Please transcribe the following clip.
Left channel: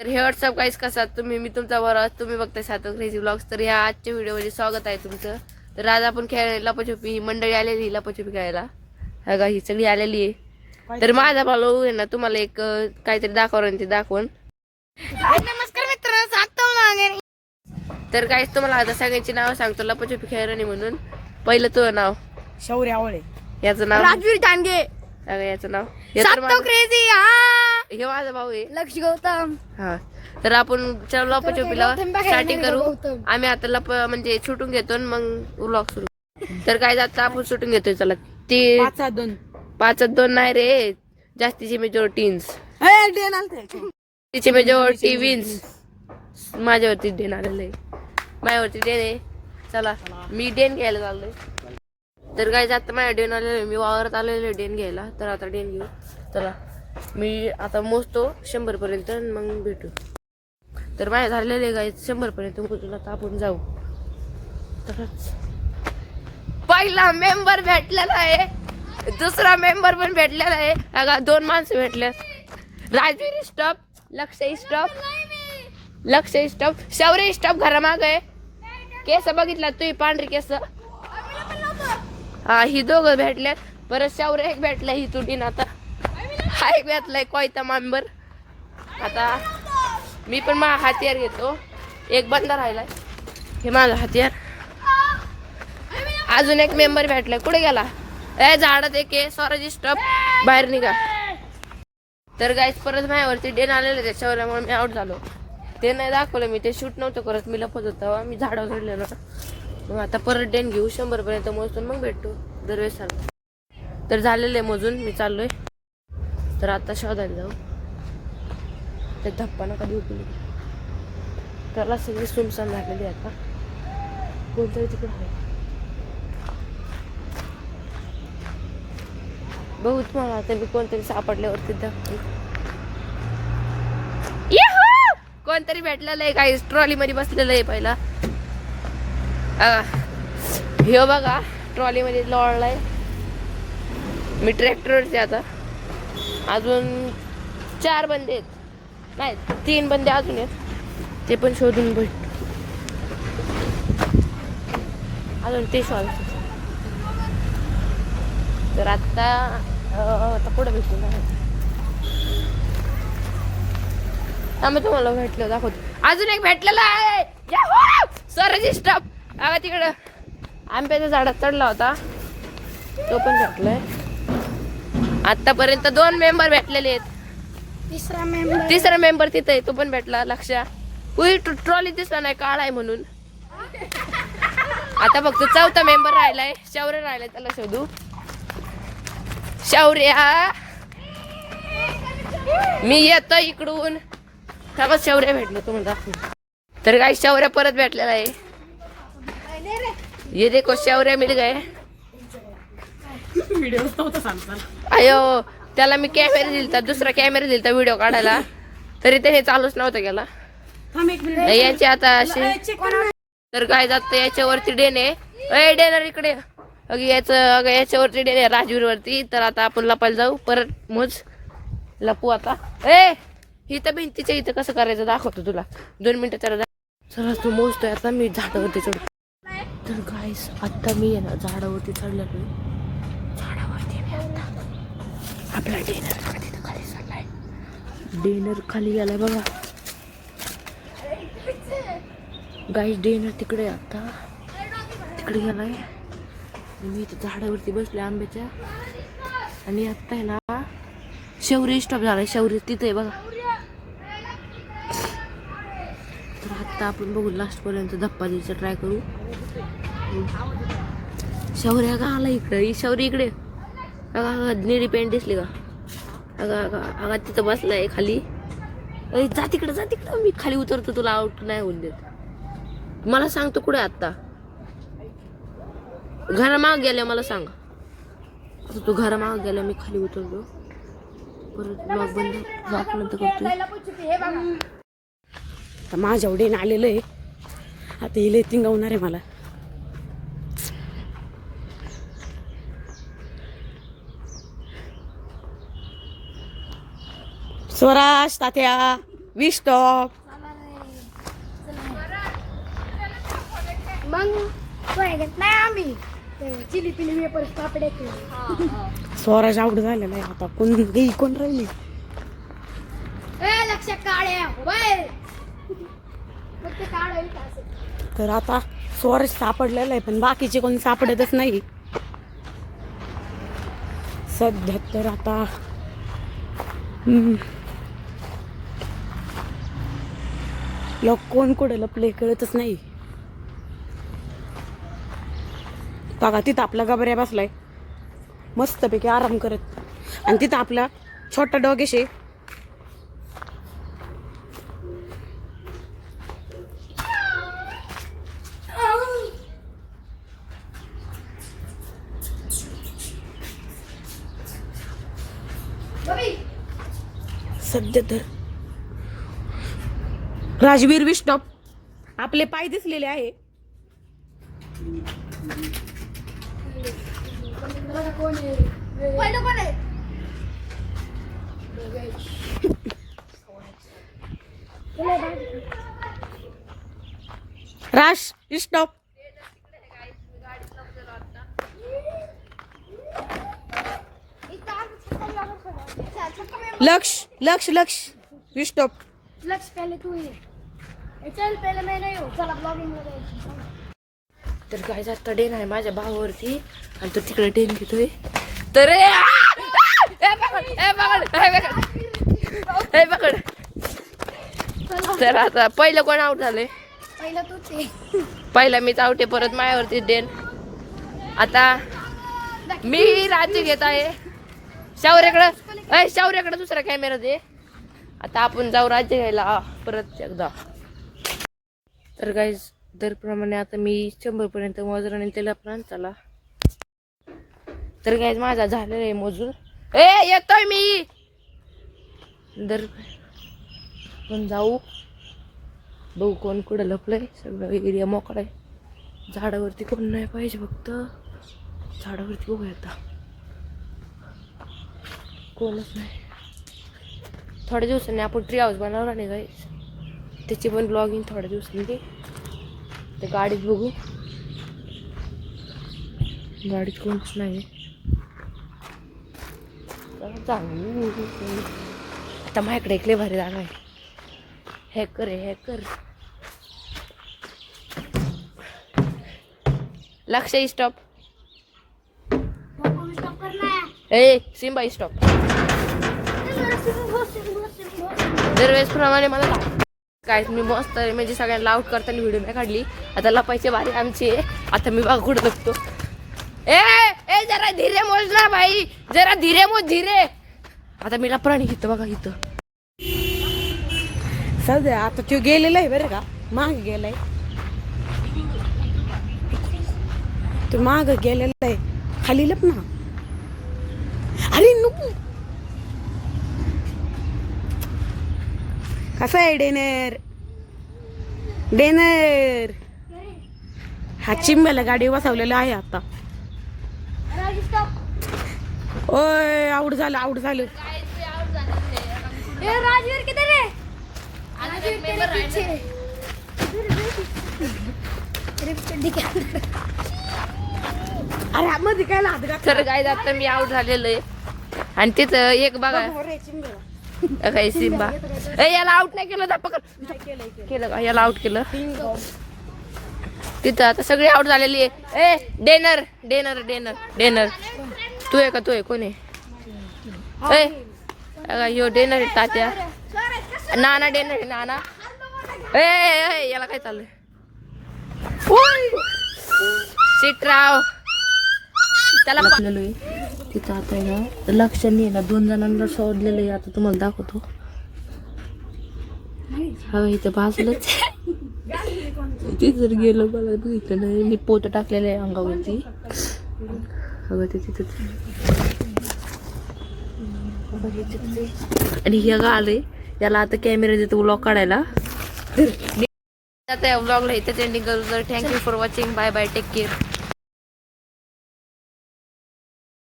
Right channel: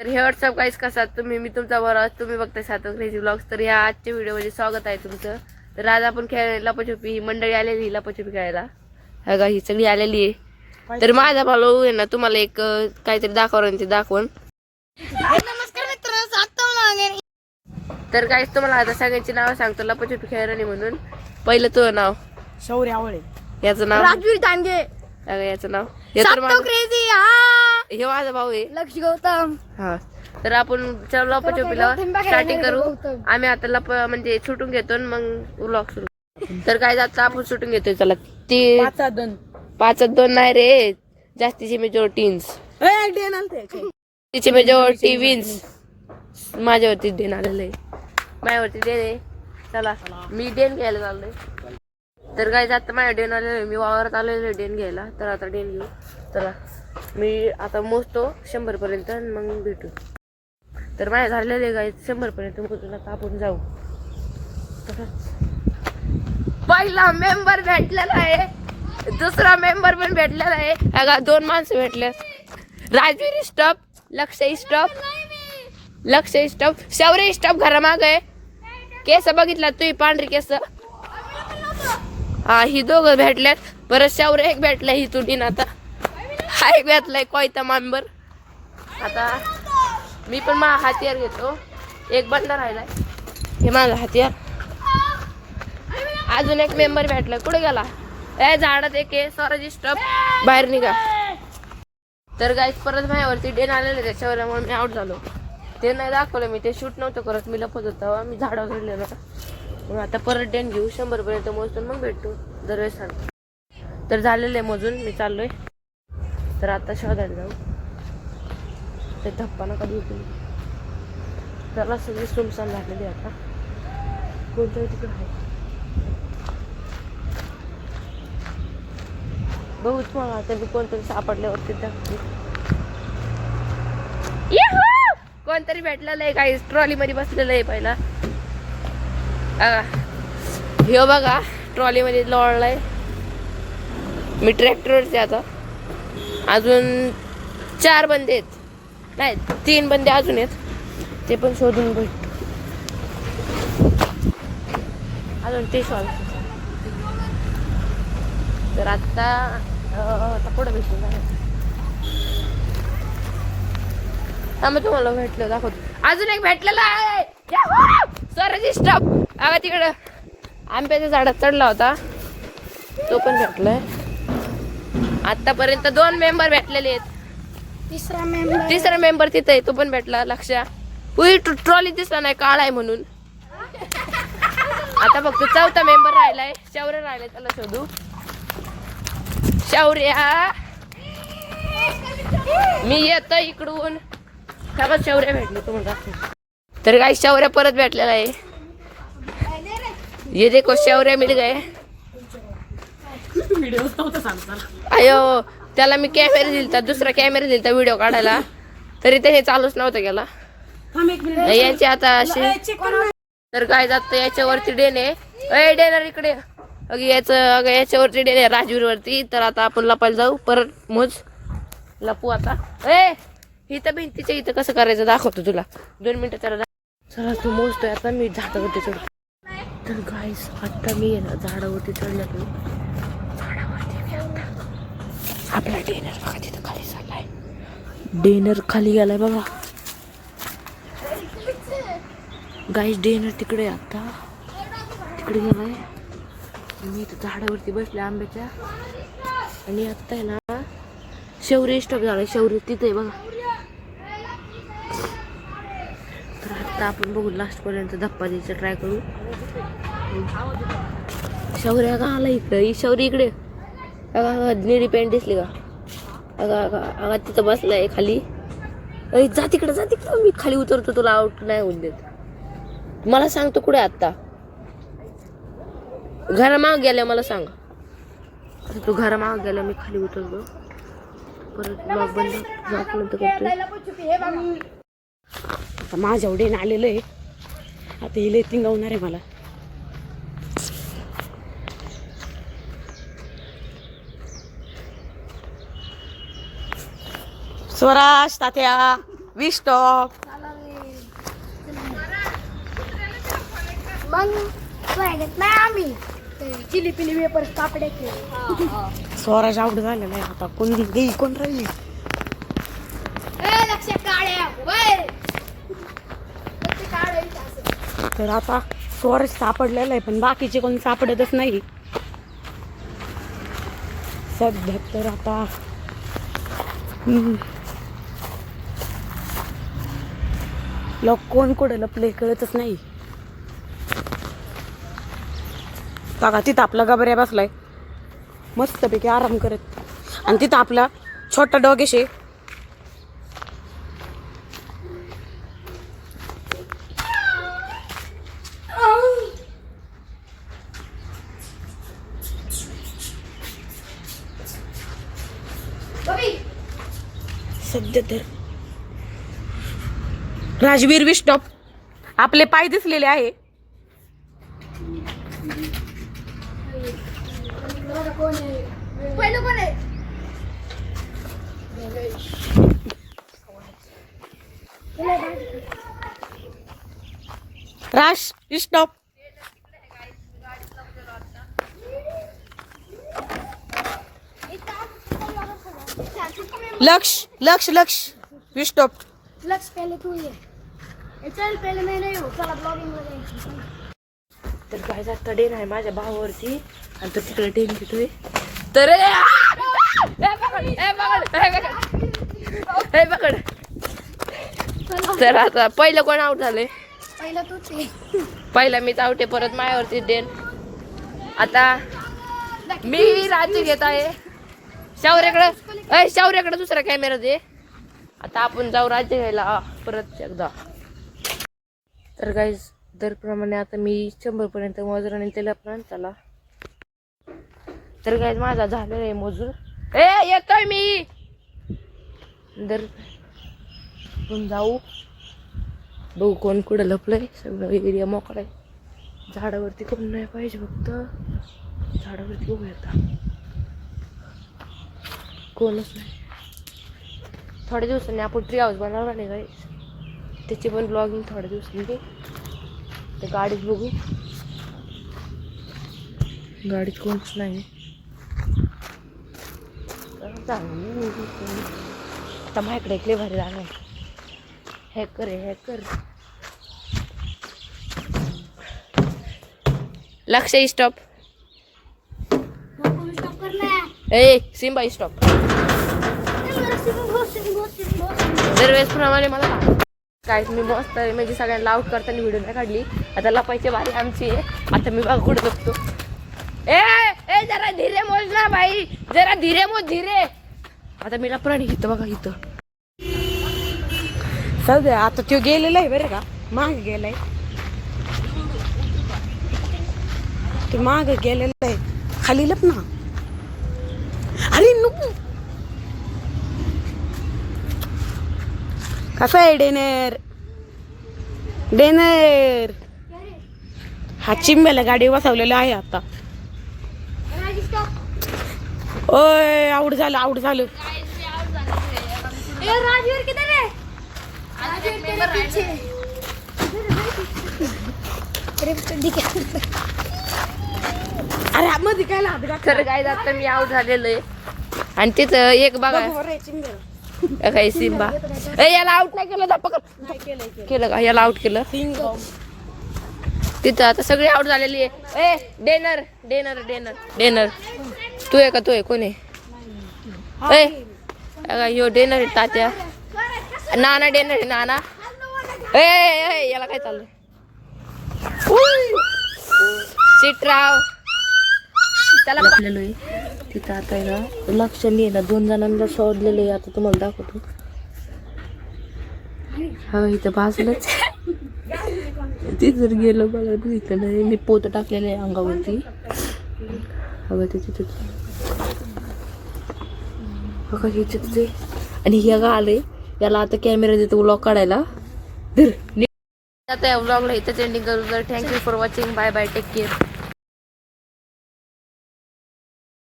तर हे व्हॉट्सअप काहीच कसा तुम्ही मी तुमचा बरोबर तुम्ही बघताय सातव क्रेझी ब्लॉग्स तर ह्या आजच्या व्हिडिओमध्ये स्वागत आहे तुमचं. तर आज आपण खेळ लपाछपी ही मंडळी आलेली लपाछपी खेळायला. हा का ही सगळी आलेली आहे. तर माझा भाऊ आहे ना तुम्हाला एक काहीतरी दाखवणार ते दाखवून. तर काहीच तुम्हाला आता सगळ्यांची नावं सांगतो लपाछपी खेळाने म्हणून. पहिलं तुझं नाव. शौर्य आवळे. याचं नाव. राजवीर डांगे याचं नाव. हे. क्रेझी हा माझा भाऊ आहे लक्ष गौतम. हा. तर आपण चल लपाछपीला स्टार्टिंग करू. आम्ही आता लप म्हणजे शूटिंग घेतो आणि मग व्लॉग सुरू. तर काय जात आपण शूटिंग घेतोय चला. ते पाच दोन. पाचच दोन नाही रे. जास्तीचे मेजॉरिटीन्स तिचे मेजॉरिटी विन्स माझ्यावरती डेन आलेलं आहे. माझ्यावरती डेन आहे. चला मी डेन घ्यायला चाललोय. तर काय जात माझ्या डेन आलेलं मी वावरात आलेलो आहे डेन घ्यायला. तर आता डेन घेऊ. चला. मी आता मोजतो शंभर पर्यंत मग भेटू. तर माझ्या झालेले आहे काय शंभर पर्यंत आता आपण जाऊ. तर पहिला मेंबर भेटलेला आहे. दुसरा मेंबर पण भेटलेला आहे. अगा दोन माणसं भेटले. Rajveer stop Laksh stop Laksh stop Shaurya stop घरामाग. आहे केस बघितला तू पांढरी केस? हा ही दोघं भेटल्यात परत शौर्य एक भेटला ही तुटीन आता. हाय एक भेटलाय कोयता मांबर. आता मी पण माझा हातियार घेतो. एक बटला राहिलाय. हे माझा हातियार अजून एक मेंबर भेटला. कुठे गेला? ए झाडात एक आहे. स्वराजी स्टॉप बाहेर निघा. तर गाईच परत माझ्यावरती डेन आलेलं त्याच्यावर मी आउट झालो. ते नाही दाखवलं मी. ते शूट नव्हतं करत. मी लपत होता मी झाडं घडलेलं मग आता परत डेन घेऊ. शंभर पर्यंत मोजतो मग भेटतो दरवेळेस सांग तर झालेलं आहे मोजून. मी चाललोय. तर आता शोधायला जाऊ. ते धप्पा नका देऊ तुम्ही त्याला सगळी सुनसान झालेली आता. कोणतरी तिकडे आहे? बघू तुम्हाला आता मी कोणतरी सापडल्यावरती धक्की. कोणतरी भेटलेलं आहे काही ट्रॉली मध्ये बसलेलं आहे पहिला. हे बघा. ट्रॉली मध्ये लोळलाय. मी ट्रॅक्टरवरचे आता. अजून चार बंदे आहेत. नाही तीन बंदे अजून आहेत. ते पण शोधून भेट अजून ते शोधायचं तर आत्ता अं, आता पुढे भेटू ना आम्ही तुम्हाला भेटलं दाखवतो अजून एक भेटलेला आहे. सर स्टॉप आम्ही तिकडं. आंब्याच्या झाडात चढला होता. तो पण भेटलाय. आतापर्यंत दोन मेंबर भेटलेले आहेत. तिसरा मेंबर तिसरा मेंबर तिथे आहे तो पण भेटला लक्ष. उई ट्रॉली दिसला नाही काळा आहे म्हणून. आता फक्त चौथा मेंबर राहिलाय. शौर्य राहिलाय त्याला शोधू. शौर्या. मी येतो इकडून. का शौर्य भेटले तुम्ही दाखवू तर काय शौर्य परत भेटलेला आहे. ये देखो शौर्य मिल गए. अयो त्याला मी कॅमेरा दिलता दुसरा कॅमेरा दिलता व्हिडिओ काढायला. तरी त्याने चालूच नव्हता गेला थांब एक मिनिट याचे आता असे तर काय जात याच्यावरती डेने अय डेनर इकडे. अगं याचं अगं याच्यावरती डेने राजवीर वरती तर आता आपण लपायला जाऊ. परत मोज. लपू आता. ए इथं भिंतीच्या इथं कसं करायचं दाखवतो तुला. दोन मिनिटं त्याला चला तू मोजतोय आता मी झाडावरती चढ तर गाईस आता मी आहे ना झाडावरती चढल्यातो झाडावरती आपला डेनर बघा तिथं खाली चाललाय. डेनर खाली गेलाय बघा. गाईस डेनर तिकडे आता. तिकडे गेलाय. मी इथं झाडावरती बसले आंब्याच्या. आणि आता आहे ना शौर्य स्टॉप झाला शौर्य तिथे आहे बघा. तर आता आपण बघू लास्ट पर्यंत धप्पा द्यायचा ट्राय करू. शौर्य का आला इकडे? शौर्य इकडे. अगा अगा निळी पॅन्ट दिसली का अगा अगा अगा तिथं बसलाय खाली. अय जा तिकडं जा तिकडं. मी खाली उतरतो तुला आउट नाही होऊन देत. मला सांग तू कुठे आत्ता? घरामाग गेल्या मला सांग. तू घरामाग गेला मी खाली उतरतो परत लॉक बंद करतो आता माझ्या उडीन आलेलं आहे. आता हिले तिंगवणार आहे मला. स्वराज तात्या वीस टॉप मग आम्ही. चिली पिली वेपर पापडे स्वराज आउट झालेला आहे आता कोण गेली कोण राहिली? लक्ष तर आता स्वराज सापडलेला आहे पण बाकीचे कोणी सापडतच नाही. सध्या तर आता लोक कोण कुठे? लपले कळतच नाही. बघा तिथं आपला गबऱ्या बसलाय. मस्तपैकी आराम करत. आणि तिथं आपला छोटा डोगेशे बबी. सध्या तर राजवीर विस्टॉप आपले पाय दिसलेले आहे. राज विस्टॉप लक्ष लक्ष लक्ष. विस्टॉप लक्ष पहिले तू ये। चल पहिले मी नाही हो। चला ब्लॉगिंगमध्ये तर काय जात डेन आहे माझ्या भावावरती. आणि तो तिकडे डेन घेतोय. तर! ए, पकड. तर आता पहिलं कोण आउट झाले पहिलं तूच ये. पहिला मीच आउट आहे परत माझ्यावरती डेन आता मी राज्य घेत आहे. शावऱ्याकडं शावऱ्याकडे दुसरा कॅमेरा दे. आता आपण जाऊ राज्य घ्यायला. परत एकदा. तर गाईज दरप्रमाणे आता मी शंभर पर्यंत मोजून आणि त्याला पण चला. तर गाईज माझा झालेला आहे मजूर. ए येतोय मी. दर पण जाऊ. बघू कोण कुठं लपलंय. सगळं एरिया मोकळा आहे. झाडावरती कोण नाही पाहिजे फक्त. झाडावरती बघू येता कोणच नाही. थोड्या दिवसांनी आपण ट्री हाऊस बनवणार नाही गाई त्याची पण ब्लॉगिंग थोड्या दिवसांनी. ते गाडीत बघू. गाडीत कोणच नाही आता माझ्याकडे एकले भारी जागा आहे. हॅकर आहे हॅकर लक्ष स्टॉप ए सिम्बा स्टॉप दरवेळेसप्रमाणे मला काय मी मस्त म्हणजे सगळ्यांना आउट करताना व्हिडिओ नाही काढली. आता लपायचे भारी आमचे. आता मी बघा कुठं बघतो. ए ए जरा धीरे मोज ना भाई जरा धीरे मोज धीरे. आता मी लपरान घेतो बघा इथं. सध्या आता तो गेलेला आहे बरं का. माग गेलाय. तो माग गेलेला आहे. खाली लप ना. अरे नको कसं आहे डेनर? डेनर. हा चिंब्याला गाडी बसवलेला आहे आता. राजी स्टॉप ओय आऊट झालं. आऊट झालं है अरे मध्ये काय तर काय आता मी आउट झालेलो आहे. आणि तिथं एक बघा. काही सिम्बा ए याला आउट नाही केलं जा पकड. केलं का? याला आउट केलं. तिथं आता सगळी आउट झालेली आहे. ए डेनर डेनर डेनर डेनर तू आहे का? तू आहे. कोण आहे? ए अगं, ह्यो डेनर आहे तात्या. नाना डेनर आहे नाना. ए, याला काय चाललंय? शिटराव त्याला तिथं आता आहे ना लक्षणी आहे ना. दोन जणांना सोडलेलं आहे आता तुम्हाला दाखवतो. हा इथं बाजूलाच ते जर गेलं मला इथं नाही मी पोत टाकलेलं आहे अंगावरती. अगं ते तिथं अगं हे तिथं ते आणि हे गा आले याला आता कॅमेरा देतो व्लॉग काढायला. आता या व्लॉगला इथं एंडिंग करू. जर thank you for watching bye bye take care